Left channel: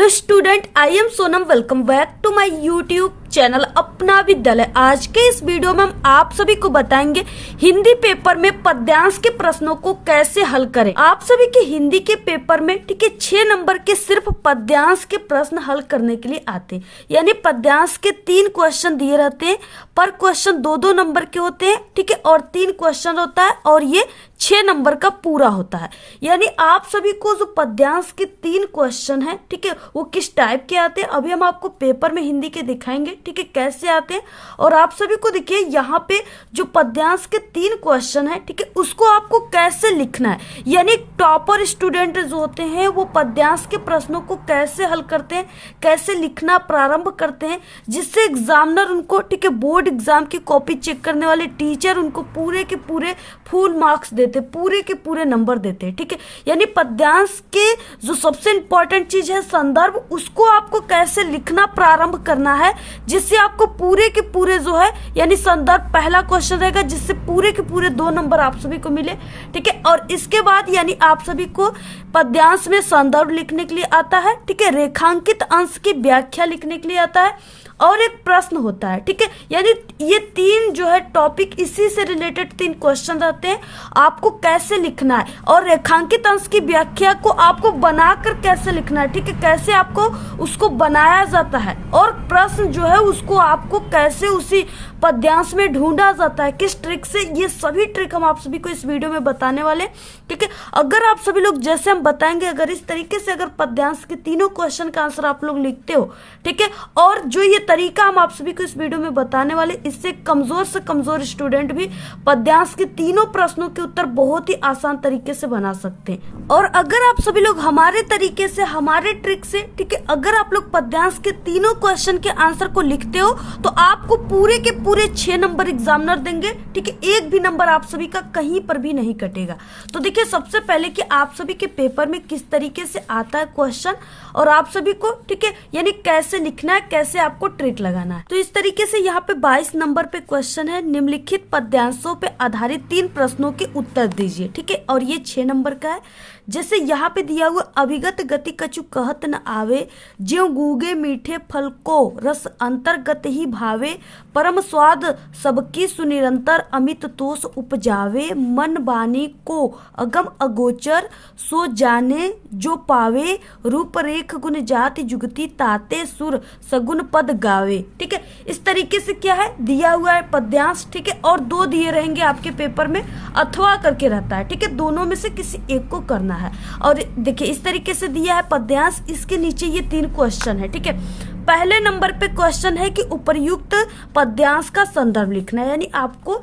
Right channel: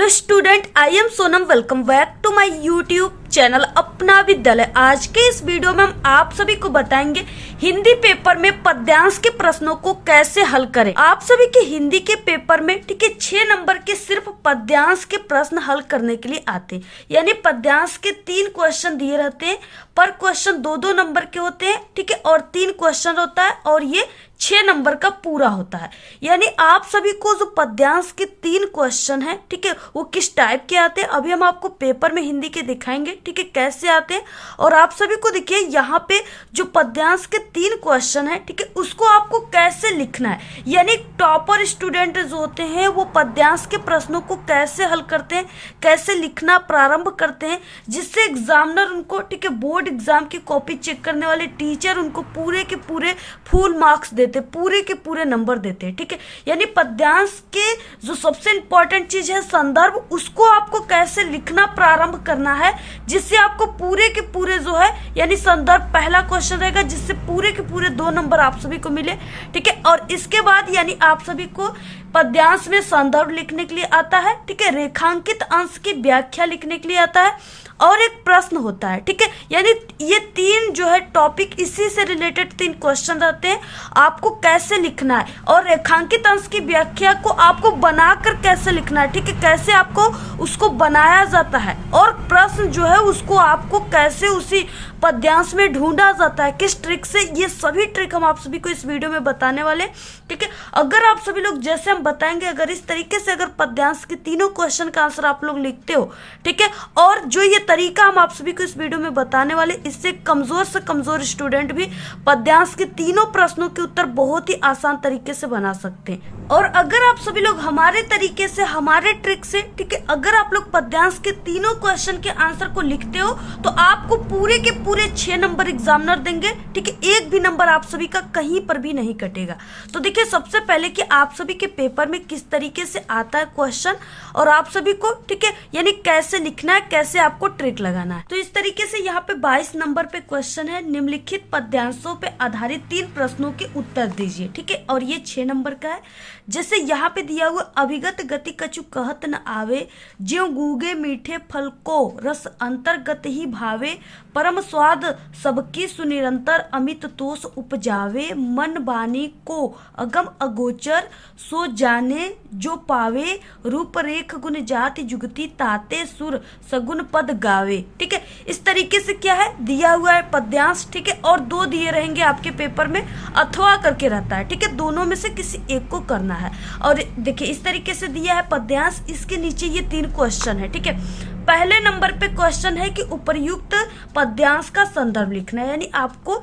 Hello student, I am Sonam. Welcome back to my YouTube channel Apna Vidyalaya. आज के इस video में हम आप सभी को बताएंगे हिंदी पेपर में पद्यांश के प्रश्नों को कैसे हल करें। आप सभी के हिंदी के पेपर में ठीक है 6 नंबर के सिर्फ पद्यांश के प्रश्न हल करने के लिए आते हैं। यानी पद्यांश के 3 क्वेश्चन दिए रहते हैं, पर क्वेश्चन 2-2 नंबर के होते हैं, ठीक है, और 3 क्वेश्चन होता है और ये 6 नंबर का पूरा होता है। यानी आप सभी को जो पद्यांश के 3 क्वेश्चन है, ठीक है, वो किस टाइप के आते हैं अभी हम आपको पेपर में हिंदी के दिखाएंगे, ठीक है, कैसे आते हैं। और आप सभी को देखिए यहाँ पे जो पद्यांश के 3 क्वेश्चन है, ठीक है, उसको आपको कैसे लिखना है। यानी टॉपर स्टूडेंट जो होते हैं वो पद्यांश के प्रश्नों को कैसे हल करते हैं, कैसे लिखना प्रारंभ करते हैं, जिससे एग्जामिनर उनको, ठीक है, बोर्ड एग्जाम की कॉपी चेक करने वाले टीचर उनको पूरे के पूरे फुल मार्क्स देते, पूरे के पूरे नंबर देते हैं, ठीक है। यानी पद्यांश के जो सबसे इंपॉर्टेंट चीज है संदर्भ, उसको आपको कैसे लिखना प्रारंभ करना है जिससे आपको पूरे के पूरे जो है यानी संदर्भ पहला क्वेश्चन रहेगा जिससे पूरे के पूरे 2 नंबर आप सभी को मिले, ठीक है। और इसके बाद यानी आप सभी को पद्यांश में संदर्भ लिखने के लिए आता है, ठीक है, रेखांकित अंश की व्याख्या लिखने के लिए आता है और एक प्रश्न होता है, ठीक है। यानी ये 3 जो है टॉपिक इसी से रिलेटेड 3 क्वेश्चन रहते हैं, आपको कैसे लिखना है और रेखांकित अंश की व्याख्या को आपको बनाकर कैसे लिखना है, ठीक है, कैसे आपको उसको बनाया जाता है और प्रश्न जो है उसको आपको कैसे उसी पद्यांश में ढूंढा जाता है, किस ट्रिक से, ये सभी ट्रिक हम आप सभी को इस वीडियो में बताने वाले, ठीक है। अगर आप सभी लोग जैसे हम बताएंगे अगर इस तरीके से अगर पद्यांश के 3 क्वेश्चन का आंसर आप लोग लिखते हो, ठीक है, और जो ये तरीका हम आप सभी को इस वीडियो में बताने वाले, इससे कमजोर से कमजोर स्टूडेंट भी पद्यांश के 3 प्रश्नों के उत्तर बहुत ही आसान तरीके से बना सकते हैं। और अगर आप सभी लोग हमारे तरीके से, हमारे ट्रिक से, ठीक है, अगर आप लोग पद्यांश के 3 क्वेश्चन के आंसर को लिखते हो तो आपको पूरे के पूरे 6 नंबर एग्जामिनर देंगे, ठीक है, एक भी नंबर आप सभी का कहीं पर भी नहीं कटेगा। तो देखिए सबसे पहले कि आप सभी के पेपर में किस तरीके से आता है क्वेश्चन और आप सभी को, ठीक है, यानी कैसे लिखना है, कैसे आपको ट्रिक लगाना है। तो इस तरीके से यहाँ पे 22 नंबर पे क्वेश्चन है, निम्नलिखित पद्यांशों पे आधारित 3 प्रश्नों के उत्तर दीजिए, ठीक है, और ये 6 नंबर का है। जैसे यहाँ पे दिया हुआ अभिगत गति कछु कहत न आवे, ज्यों गूगे मीठे फल को रस अंतर्गत ही भावे, परम स्वाद सबकी सुनिरंतर अमित तोष उपजावे, मन बानी को अगम अगोचर सो जाने जो पावे, रूप रेख गुण जाति जुगति ताते सुर सगुन पद गावे, ठीक है। इस तरीके से क्या है दिया हुआ है पद्यांश, ठीक है, और 2 दिए रहेंगे आपके पेपर में, अथवा करके रहता है, ठीक है, दोनों में से किसी एक को करना है। और देखिए इस तरीके से दिया है पद्यांश, इसके नीचे ये 3 क्वेश्चन है, ठीक है। पहले नंबर पे क्वेश्चन है कि उपर्युक्त पद्यांश का संदर्भ लिखना है, यानी आपको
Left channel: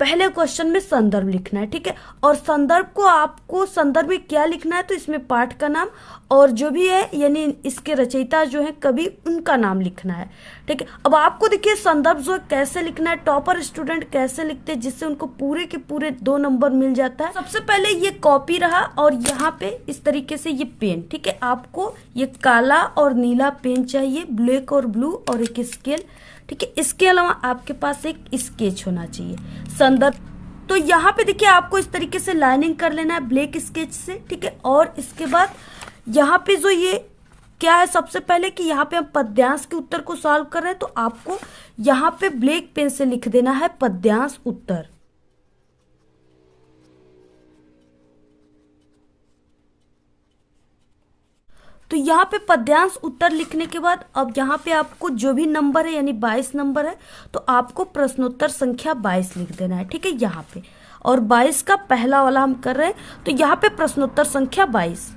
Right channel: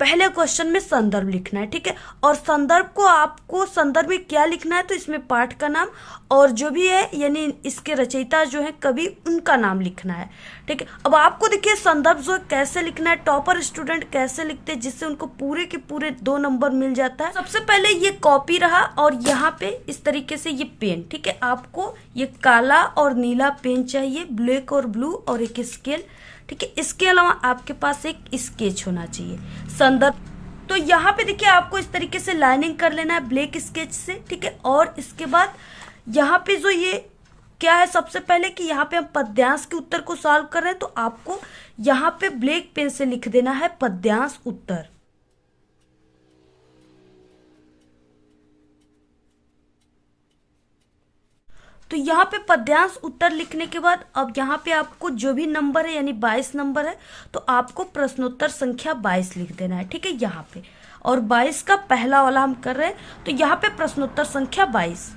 पहले क्वेश्चन में संदर्भ लिखना है, ठीक है। और संदर्भ को आपको संदर्भ में क्या लिखना है तो इसमें पाठ का नाम और जो भी है यानी इसके रचयिता जो है कवि, उनका नाम लिखना है, ठीक है। अब आपको देखिए संदर्भ जो है कैसे लिखना है, टॉपर स्टूडेंट कैसे लिखते हैं जिससे उनको पूरे के पूरे 2 नंबर मिल जाता है। सबसे पहले ये कॉपी रहा और यहाँ पे इस तरीके से ये पेन, ठीक है, आपको ये काला और नीला पेन चाहिए, ब्लैक और ब्लू, और एक स्केल, ठीक है। इसके अलावा आपके पास एक स्केच होना चाहिए संदर्भ। तो यहाँ पे देखिए आपको इस तरीके से लाइनिंग कर लेना है ब्लैक स्केच से, ठीक है। और इसके बाद यहाँ पे जो ये क्या है, सबसे पहले कि यहाँ पे हम पद्यांश के उत्तर को सॉल्व कर रहे हैं तो आपको यहाँ पे ब्लैक पेन से लिख देना है पद्यांश उत्तर। तो यहाँ पे पद्यांश उत्तर लिखने के बाद अब यहाँ पे आपको जो भी नंबर है यानी 22 नंबर है तो आपको प्रश्नोत्तर संख्या 22 लिख देना है, ठीक है, यहाँ पे। और 22 का पहला वाला हम कर रहे हैं तो यहाँ पे प्रश्नोत्तर संख्या 22।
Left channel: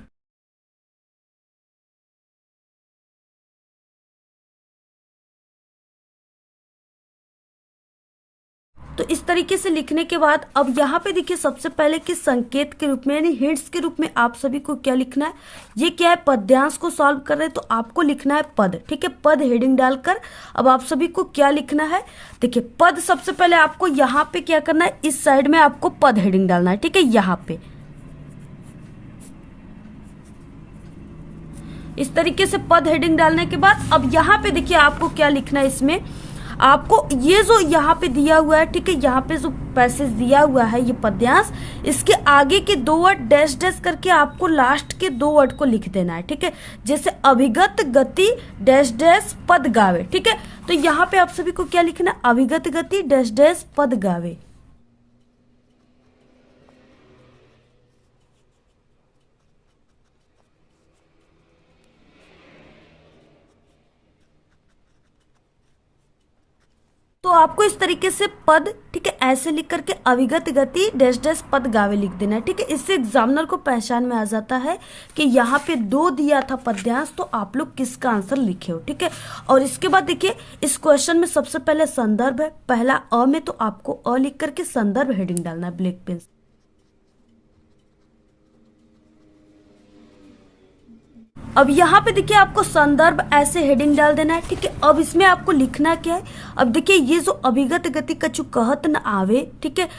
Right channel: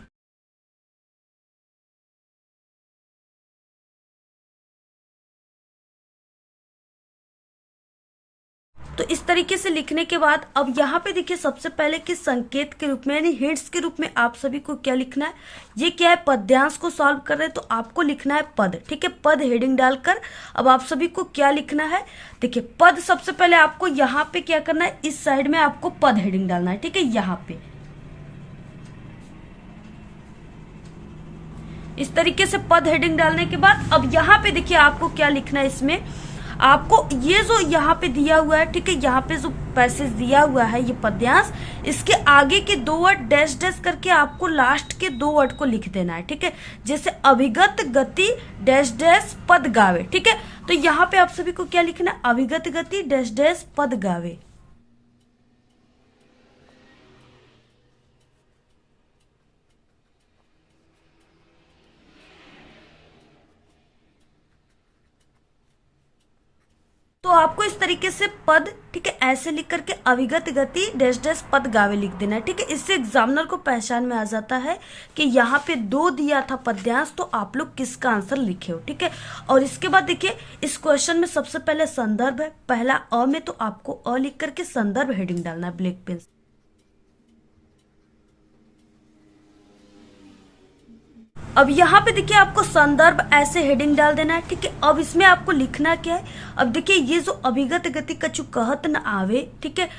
तो इस तरीके से लिखने के बाद अब यहाँ पे देखिए सबसे पहले कि संकेत के रूप में यानी हिंट्स के रूप में आप सभी को क्या लिखना है, ये क्या है पद्यांश को सॉल्व कर रहे हैं तो आपको लिखना है पद, ठीक है, पद हेडिंग डालकर अब आप सभी को क्या लिखना है, देखिए पद सबसे पहले आपको यहाँ पे क्या करना है, इस साइड में आपको पद हेडिंग डालना है, ठीक है, यहाँ पे इस तरीके से पद हेडिंग डालने के बाद अब यहाँ पे देखिए आपको क्या लिखना है, इसमें आपको ये जो यहाँ पे दिया हुआ है, ठीक है, यहाँ पे जो पैसेज दिया हुआ है ये पद्यांश, इसके आगे के 2 वर्ड डैश डैश करके आपको लास्ट के 2 वर्ड को लिख देना है, ठीक है। जैसे अभिगत गति डैश डैश पद गावे, ठीक है। तो यहाँ पे आप सभी को क्या लिखना है, अभिगत गति डैश डैश पद गावे। तो आपको इस तरीके से पद, ठीक है, ऐसे लिख करके अविगत गति डैश डैश पद गावे लिख देना है, ठीक है। इससे एग्जामिनर को पहचान में आ जाता है कि यहाँ पे 2 दिया था पद्यांश, तो आप लोग किसका आंसर लिखे हो, ठीक है। और इसके बाद देखिए इस क्वेश्चन में सबसे पहले संदर्भ है, पहला अ में, तो आपको अ लिख करके संदर्भ हेडिंग डालना है ब्लैक पेन से। अब यहाँ पे देखिए आपको संदर्भ ऐसे हेडिंग डाल देना है, ठीक है। अब इसमें आपको लिखना क्या है, अब देखिए ये जो अभिगत गति कछु कहत न आवे, ठीक है,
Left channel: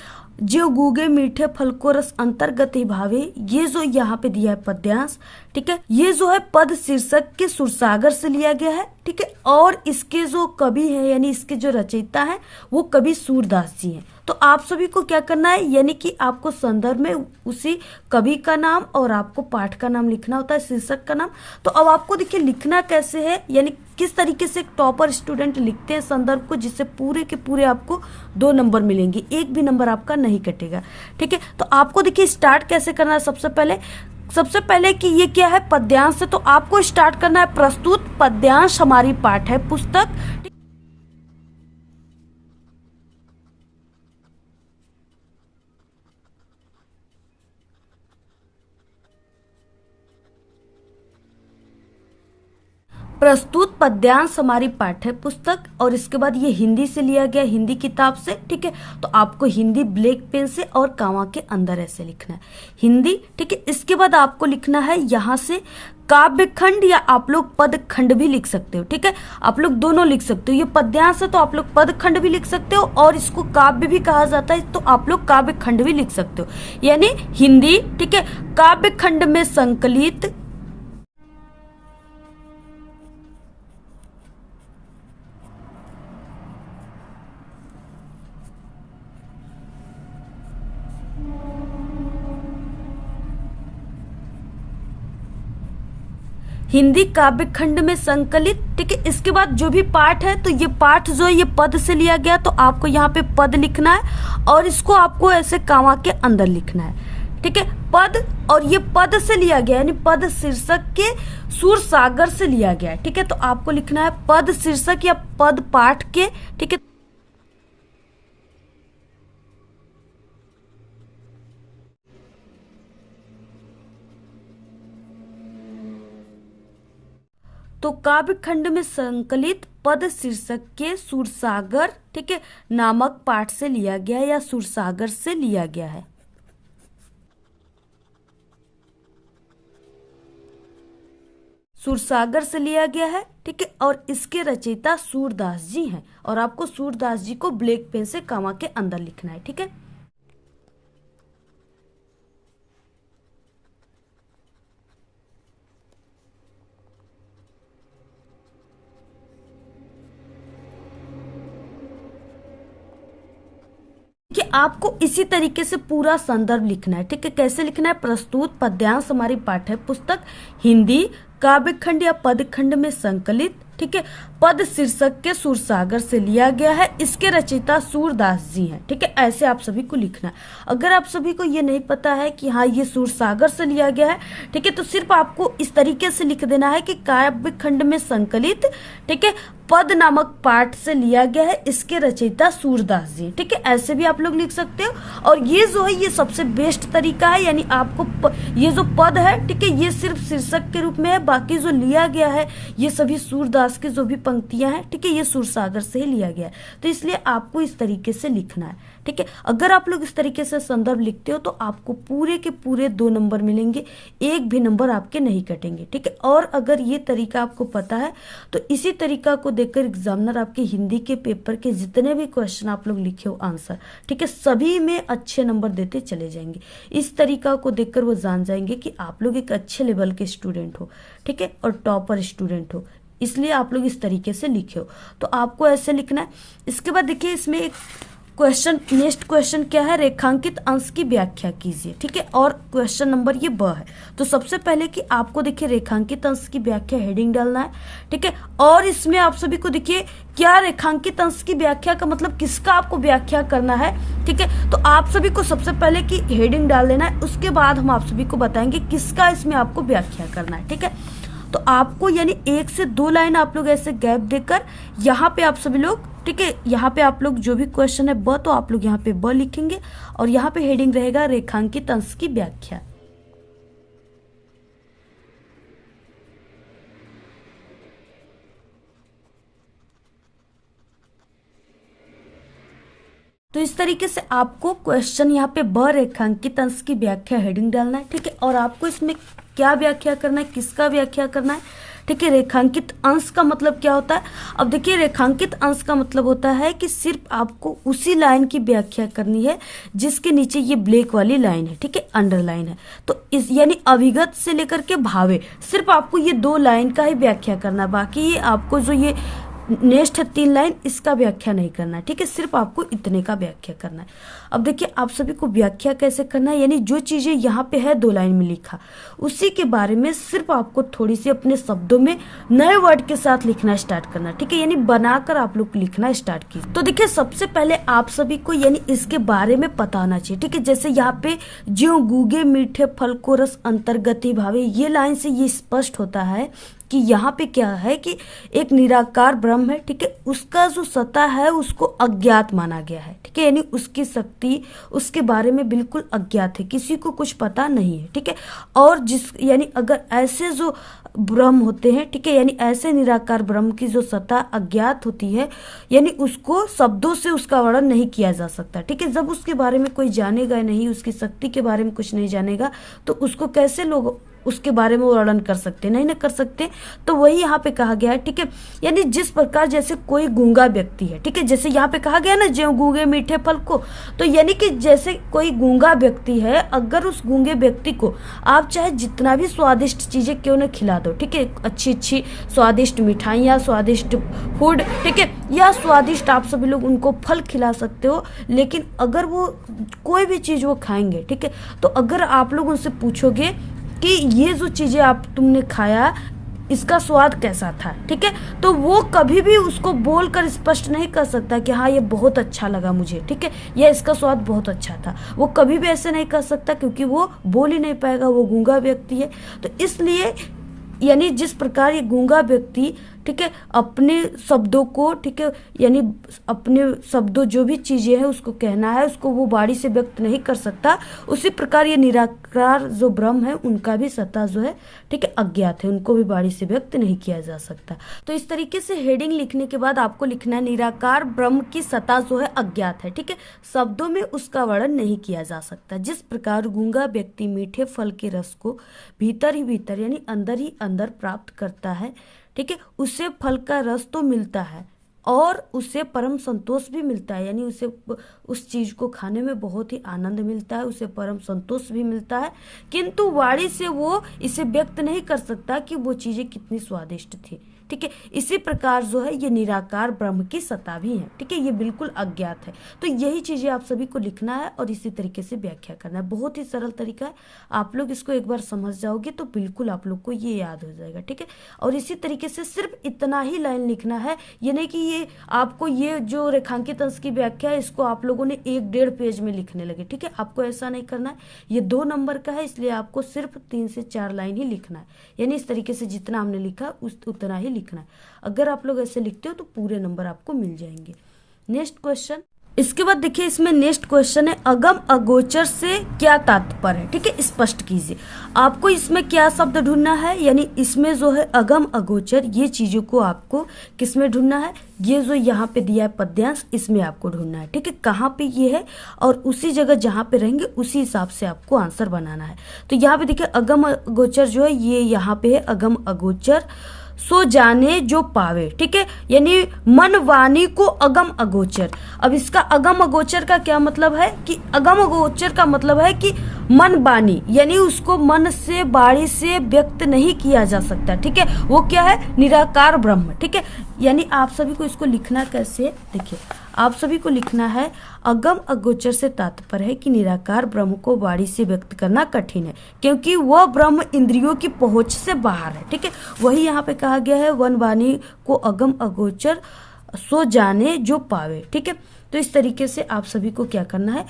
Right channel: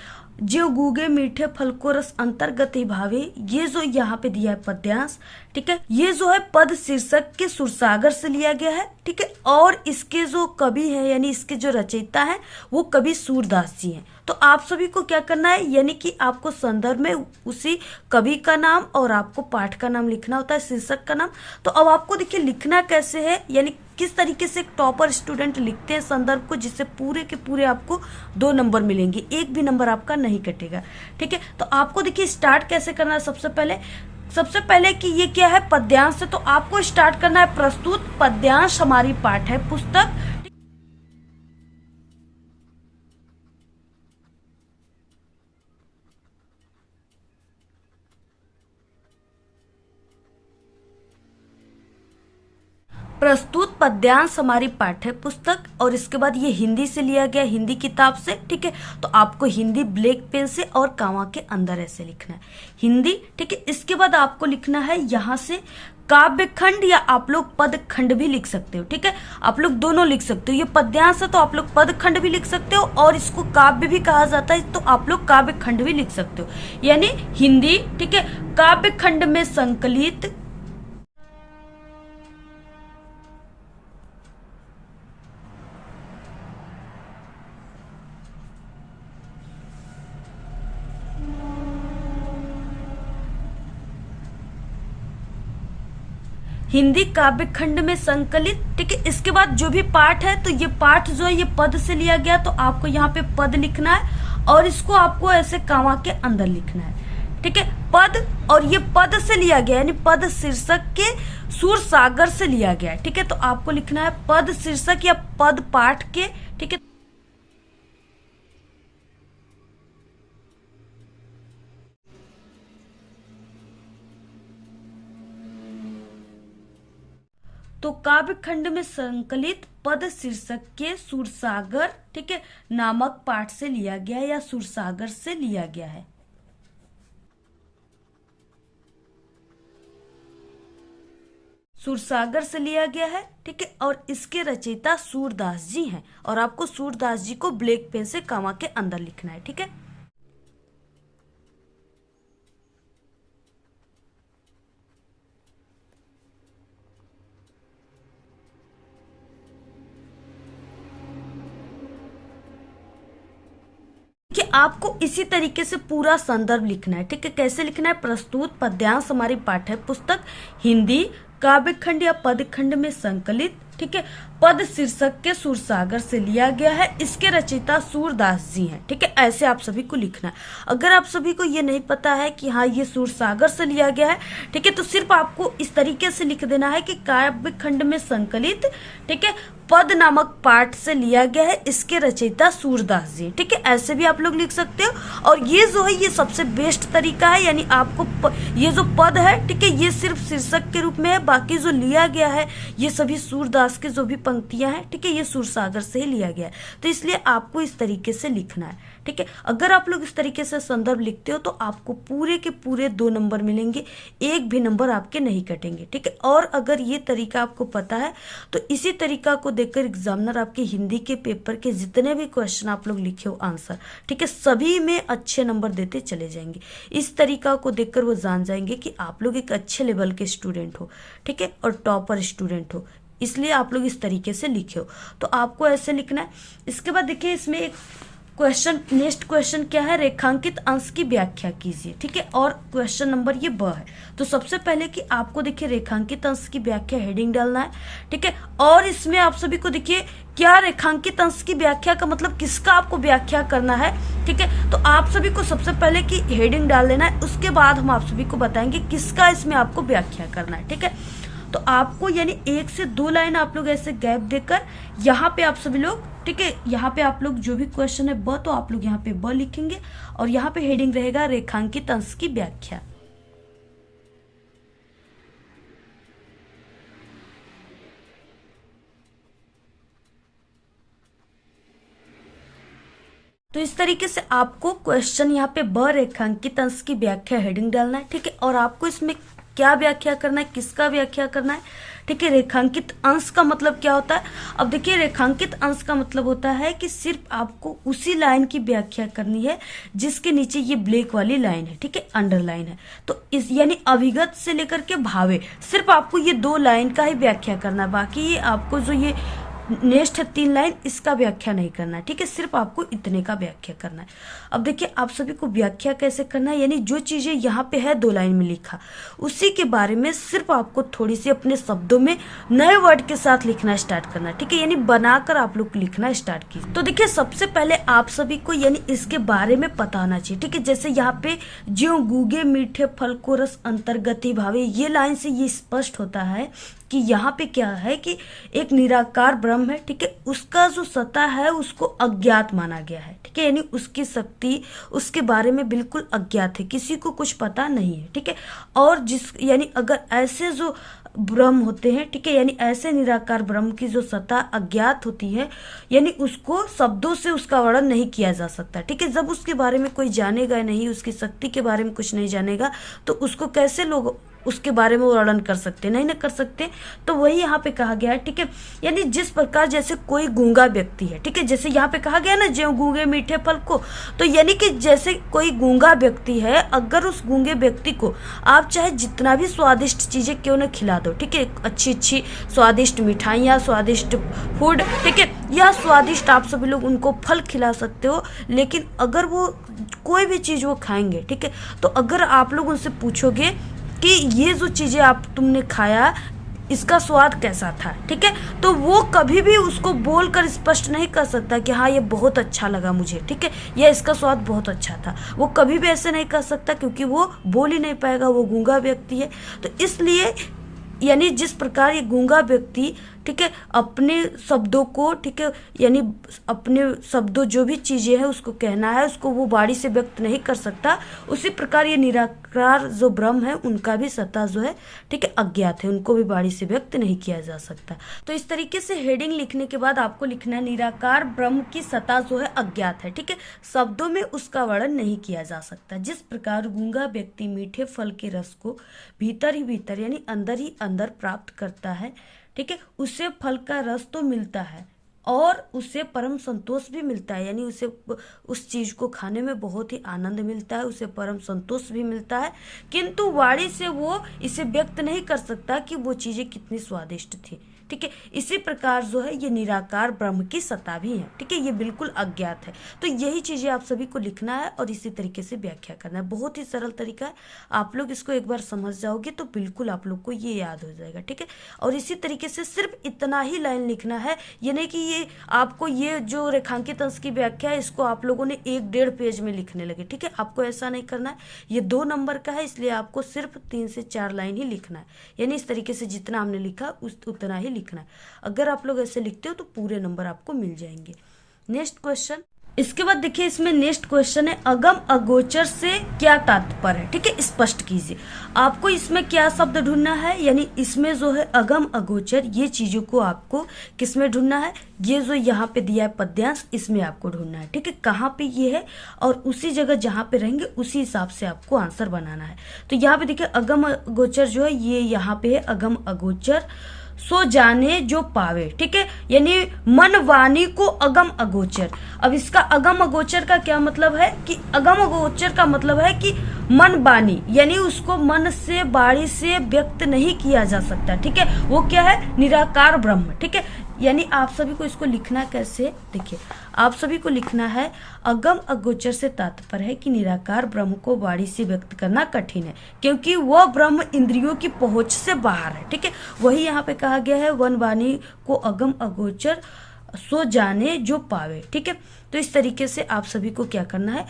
जो गूगे मीठे फल को रस अंतर्गत ही भावे, ये जो यहाँ पे दिया है पद्यांश, ठीक है, ये जो है पद शीर्षक के सुरसागर से लिया गया है, ठीक है। और इसके जो कवि है यानी इसके जो रचयिता है वो कवि सूरदास जी हैं। तो आप सभी को क्या करना है, यानी कि आपको संदर्भ में उसी कवि का नाम और आपको पाठ का नाम लिखना होता है, शीर्षक का नाम। तो अब आपको देखिए लिखना कैसे है, यानी किस तरीके से एक टॉपर स्टूडेंट लिखते हैं संदर्भ को, जिससे पूरे के पूरे आपको 2 नंबर मिलेंगे, एक भी नंबर आपका नहीं कटेगा, ठीक है। तो आपको देखिए स्टार्ट कैसे करना है, सबसे पहले कि ये क्या है, पद्यांश से, तो आपको स्टार्ट करना है प्रस्तुत पद्यांश हमारी पाठ है पुस्तक। प्रस्तुत पद्यांश हमारी पाठ्य पुस्तक, और इसके बाद ये हिंदी से लिया गया, हिंदी किताब से, ठीक है। तो आपको हिंदी ब्लैक पेन से और कामा के अंदर ऐसे लिखना है हिंदी, ठीक है। इसके बाद आपको लिखना है यहाँ से काव्य खंड, या आप लोग पद खंड भी लिख सकते हो, ठीक है। आप लोग दोनों लिख सकते हो, ये पद्यांश है तो आप लोग पद खंड भी लिख सकते हो, और इसको काव्य भी कहा जाता है तो आप लोग काव्य खंड भी लिख सकते हो, यानी हिंदी, ठीक है, काव्य खंड में संकलित हिंदी काव्य खंड में संकलित, ठीक है। इसके बाद जो भी पाठ है, तो ये पाठ जो है ये पद से लिया गया, तो आपको यहाँ पे पद लिखना है और इसको आपको ऐसे कामा के अंदर लिखना है, ठीक है, पद। और ये पद से लिया गया यानी पद शीर्षक के सूर सागर से लिया गया है, ठीक है। तो आपको लिखना है पद शीर्षक या पद पाठ के, ठीक है। तो काव्य खंड में संकलित पद शीर्षक के सूरसागर, ठीक है, नामक पाठ से लिया गया है या सूरसागर से लिया गया है। सूरसागर से लिया गया है, ठीक है। और इसके रचयिता सूरदास जी हैं, और आपको सूरदास जी को ब्लैक पेन से कामा के अंदर लिखना है, ठीक है। कि आपको इसी तरीके से पूरा संदर्भ लिखना है, ठीक है। कैसे लिखना है, प्रस्तुत पद्यांश हमारी पाठ्य पुस्तक हिंदी काव्य खंड या पद खंड में संकलित, ठीक है, पद शीर्षक के सूरसागर से लिया गया है, इसके रचयिता सूरदास जी हैं, ठीक है। ऐसे आप सभी को लिखना है। अगर आप सभी को ये नहीं पता है कि हाँ ये सूरसागर से लिया गया है, ठीक है, तो सिर्फ आपको इस तरीके से लिख देना है कि काव्य खंड में संकलित, ठीक है, पद नामक पाठ से लिया गया है, इसके रचयिता सूरदास जी, ठीक है। ऐसे भी आप लोग लिख सकते हो। और ये जो है ये सबसे बेस्ट तरीका है, यानी आपको ये जो पद है, ठीक है, ये सिर्फ शीर्षक के रूप में है, बाकी जो लिया गया है ये सभी सूरदास के जो भी पंक्तियां हैं, ठीक है, ये सूरसागर से ही लिया गया है। तो इसलिए आपको इस तरीके से लिखना है, ठीक है। अगर आप लोग इस तरीके से संदर्भ लिखते हो तो आपको पूरे के पूरे 2 नंबर मिलेंगे, एक भी नंबर आपके नहीं कटेंगे, ठीक है। और अगर ये तरीका आपको पता है तो इसी तरीका को देखकर एग्जामिनर आपके हिंदी के पेपर के जितने भी क्वेश्चन आप लोग लिखे हो आंसर, ठीक है, सभी में अच्छे नंबर देते चले जाएंगे। इस तरीका को देखकर वो जान जाएंगे कि आप लोग एक अच्छे लेवल के स्टूडेंट हो, ठीक है, और टॉपर स्टूडेंट हो। इसलिए आप लोग इस तरीके से लिखे हो। तो आपको ऐसे लिखना है। इसके बाद देखिए इसमें एक क्वेश्चन, नेक्स्ट क्वेश्चन क्या है, रेखांकित अंश की व्याख्या कीजिए। ठीक है, और क्वेश्चन नंबर ये ब है। तो सबसे पहले कि आपको देखिए रेखांकित अंश की व्याख्या हेडिंग डालना है। ठीक है, और इसमें आप सभी को देखिए क्या रेखांकित अंश की व्याख्या का मतलब किसका आपको व्याख्या करना है। ठीक है, तो आप सभी को सबसे पहले की हेडिंग डाल देना है, उसके बाद हम आप सभी को बताएंगे किसका इसमें आपको व्याख्या करना है। ठीक है, तो आपको यानी 1 से 2 लाइन आप लोग ऐसे गैप देकर यहाँ पे आप सभी लोग, ठीक है, यहाँ पे आप लोग जो भी क्वेश्चन है ब, तो आप लोग यहाँ पे ब लिखेंगे और यहाँ पे हेडिंग रहेगा रेखांकित अंश की व्याख्या। तो इस तरीके से आपको क्वेश्चन यहाँ पे ब रेखांकित अंश की व्याख्या हेडिंग डालना है। ठीक है, और आपको इसमें क्या व्याख्या करना है, किसका व्याख्या करना है। ठीक है, रेखांकित अंश का मतलब क्या होता है। अब देखिए रेखांकित अंश का मतलब होता है कि सिर्फ आपको उसी लाइन की व्याख्या करनी है जिसके नीचे ये ब्लैक वाली लाइन है। ठीक है, अंडरलाइन है। तो इस यानी अभिगत से लेकर के भावे, सिर्फ आपको ये 2 लाइन का ही व्याख्या करना है। बाकी आपको जो ये नेक्स्ट है 3 लाइन, इसका व्याख्या नहीं करना है। ठीक है, सिर्फ आपको इतने का व्याख्या करना है। अब देखिए आप सभी को व्याख्या कैसे करना है, यानी जो चीजें यहाँ पे है 2 लाइन में लिखा, उसी के बारे में सिर्फ आपको थोड़ी सी अपने शब्दों में नए वर्ड के साथ लिखना स्टार्ट करना है। ठीक है, यानी बनाकर आप लोग लिखना स्टार्ट कीजिए। तो देखिए सबसे पहले आप सभी को यानी इसके बारे में पता होना चाहिए। ठीक है, जैसे यहाँ पे ज्यों गूगे मीठे फल को रस अंतर्गति भावे, ये लाइन से ये स्पष्ट होता है कि यहाँ पे क्या है कि एक निराकार ब्रह्म है। ठीक है, उसका जो सत्ता है उसको अज्ञात माना गया है। ठीक है, यानी उसकी शक्ति उसके बारे में बिल्कुल अज्ञात है, किसी को कुछ पता नहीं है। ठीक है, और जिस यानी अगर ऐसे जो ब्रह्म होते हैं, ठीक है, यानी ऐसे निराकार ब्रह्म की जो सत्ता अज्ञात होती है, यानी उसको शब्दों से उसका वर्णन नहीं किया जा सकता। ठीक है, जब उसके बारे में कोई जानेगा नहीं, उसकी शक्ति के बारे में कुछ नहीं जानेगा, तो उसको कैसे लोग उसके बारे में वर्णन कर सकते, नहीं ना कर सकते। तो वही यहाँ पे कहा गया है। ठीक है, यानी जिस प्रकार जैसे कोई गूंगा व्यक्ति है, ठीक है, जैसे यहाँ पे कहा गया ना ज्यों गूंगे मीठे फल को, तो यानी कि जैसे कोई गूंगा व्यक्ति है, अगर उस गूंगे व्यक्ति को आप चाहे जितना भी स्वादिष्ट चीजें क्यों न खिला दो, ठीक है, अच्छी अच्छी स्वादिष्ट मिठाइयाँ, स्वादिष्ट फूड, ठीक है, या स्वादिष्ट आप सभी लोग उनको फल खिला सकते हो, लेकिन अगर वो कोई भी चीज वो खाएंगे, ठीक है, तो अगर आप लोग उनसे पूछोगे कि ये जो चीजें आप तुमने खाया इसका स्वाद कैसा था, ठीक है, तो वो कभी भी उसको बोलकर स्पष्ट नहीं कर सकता कि हाँ ये बहुत अच्छा लगा मुझे, ठीक है, या इसका स्वाद बहुत अच्छा था। वो कभी भी ऐसे नहीं कर सकता क्योंकि वो बोल ही नहीं पाएगा, वो गूंगा व्यक्ति है। तो इसलिए यानी जिस प्रकार ये गूंगा व्यक्ति, ठीक है, अपने शब्दों को, ठीक है, यानी अपने शब्दों जो भी चीजें हैं उसको कहना है, उसको वो वाणी से व्यक्त नहीं कर सकता, उसी प्रकार ये निराकार जो ब्रह्म है उनका भी सत्ता जो है, ठीक है, अज्ञात है, उनको भी वाणी से व्यक्त नहीं किया जा सकता। तो इस तरीके से हेडिंग लिखने के बाद आपको लिखना है निराकार ब्रह्म की सत्ता जो है अज्ञात है, ठीक है, शब्दों में उसका वर्णन नहीं किया जा सकता। जिस प्रकार गूंगा व्यक्ति मीठे फल के रस को भीतर ही भीतर यानी अंदर ही अंदर प्राप्त करता है, ठीक है, उसे फल का रस तो मिलता है और उसे परम संतोष भी मिलता है, यानी उसे उस चीज को खाने में बहुत ही आनंद मिलता है, उसे परम संतोष भी मिलता है, किंतु वाणी से वो इसे व्यक्त नहीं कर सकता कि वो चीजें कितनी स्वादिष्ट थी, ठीक है। इसी प्रकार जो है ये निराकार ब्रह्म की सत्ता भी है, ठीक है, ये बिल्कुल अज्ञात है। तो यही चीजें आप सभी को लिखना है और इसी तरीके से व्याख्या करना है। बहुत ही सरल तरीका है, आप लोग इसको एक बार समझ जाओगे तो बिल्कुल आप लोग को ये याद हो जाएगा, ठीक है। और इसी तरीके से सिर्फ इतना ही लाइन लिखना है, ये नहीं कि ये आपको ये जो रेखांकित अंश की व्याख्या है इसको आप लोगों ने 1-1.5 पेज में लिखने लगे, ठीक है, आपको ऐसा नहीं करना है। ये 2 नंबर का है, इसलिए आपको सिर्फ 3 से 4 लाइन ही लिखना है, यानी इस तरीके से जितना हमने लिखा उतना ही लिखना है। अगर आप लोग ऐसे लिखते हो तो पूरे नंबर आपको मिल जाएंगे। नेक्स्ट क्वेश्चन, इसके बाद देखिए इसमें नेक्स्ट क्वेश्चन है अगम अगोचर से क्या तात्पर्य है, ठीक है, स्पष्ट कीजिए। आपको इसमें क्या शब्द ढूंढना है, यानी इसमें जो है अगम अगोचर ये चीजों को आपको किसमें ढूंढना है, ये जो यहाँ पे दिया है पद्यांश इसमें आपको ढूंढना है, ठीक है, कहाँ पे ये है और उसी जगह जहाँ पे रहेंगे उसी हिसाब से आपको आंसर बनाना है। तो यहाँ पे देखिए अगम अगोचर जो है ये यहाँ पे है अगम अगोचर सो जाने जो पावे, ठीक है, यानी मन वाणी को अगम अगोचर। अब इसका अगम अगोचर का क्या मतलब है कि अगम अगोचर का मतलब है कि मन बानी, यानी उसको मन से वाणी से व्यक्त नहीं किया जा सकता, ठीक है, वो क्या है, निराकार ब्रह्म, ठीक है। यानी आप सभी को इसको लिखना कैसे, देखिए आप सभी को लिखना है अगम अगोचर से तात्पर्य है कि निराकार ब्रह्म को वाणी से व्यक्त करना कठिन है, क्योंकि वह ब्रह्म इंद्रियों की पहुंच से बाहर है, ठीक है। वही यहाँ पे कहा गया है, वन वाणी को अगम अगोचर सो जाने जो पावे, ठीक है। तो इस तरीके से आप सभी को क्या करना है,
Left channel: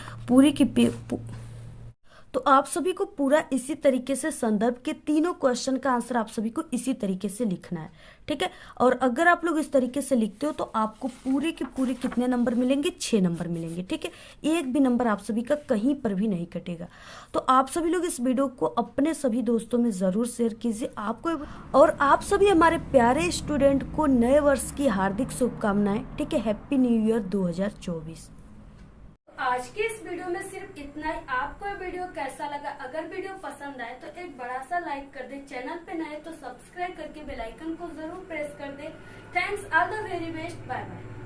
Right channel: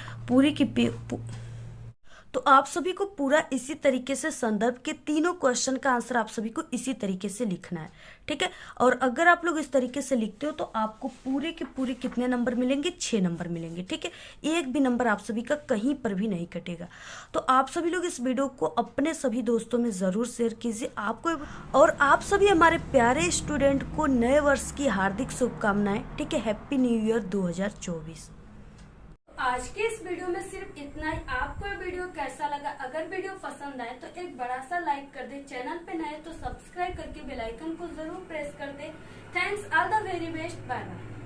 तो आप सभी को पूरा इसी तरीके से संदर्भ के तीनों क्वेश्चन का आंसर आप सभी को इसी तरीके से लिखना है, ठीक है। और अगर आप लोग इस तरीके से लिखते हो तो आपको पूरे के पूरे कितने नंबर मिलेंगे, 6 नंबर मिलेंगे, ठीक है। एक भी नंबर आप सभी का कहीं पर भी नहीं कटेगा। तो आप सभी लोग इस वीडियो को अपने सभी दोस्तों में जरूर शेयर कीजिए आपको, और आप सभी हमारे प्यारे स्टूडेंट को नए वर्ष की हार्दिक शुभकामनाएं, ठीक है। Happy new year 2024। आज के इस वीडियो में सिर्फ इतना ही। आपको ये वीडियो कैसा लगा, अगर वीडियो पसंद आए तो एक बड़ा सा लाइक कर दे, चैनल पे नए तो सब्सक्राइब करके बेल आइकन को जरूर प्रेस कर दे। Thanks, all the very best, bye bye.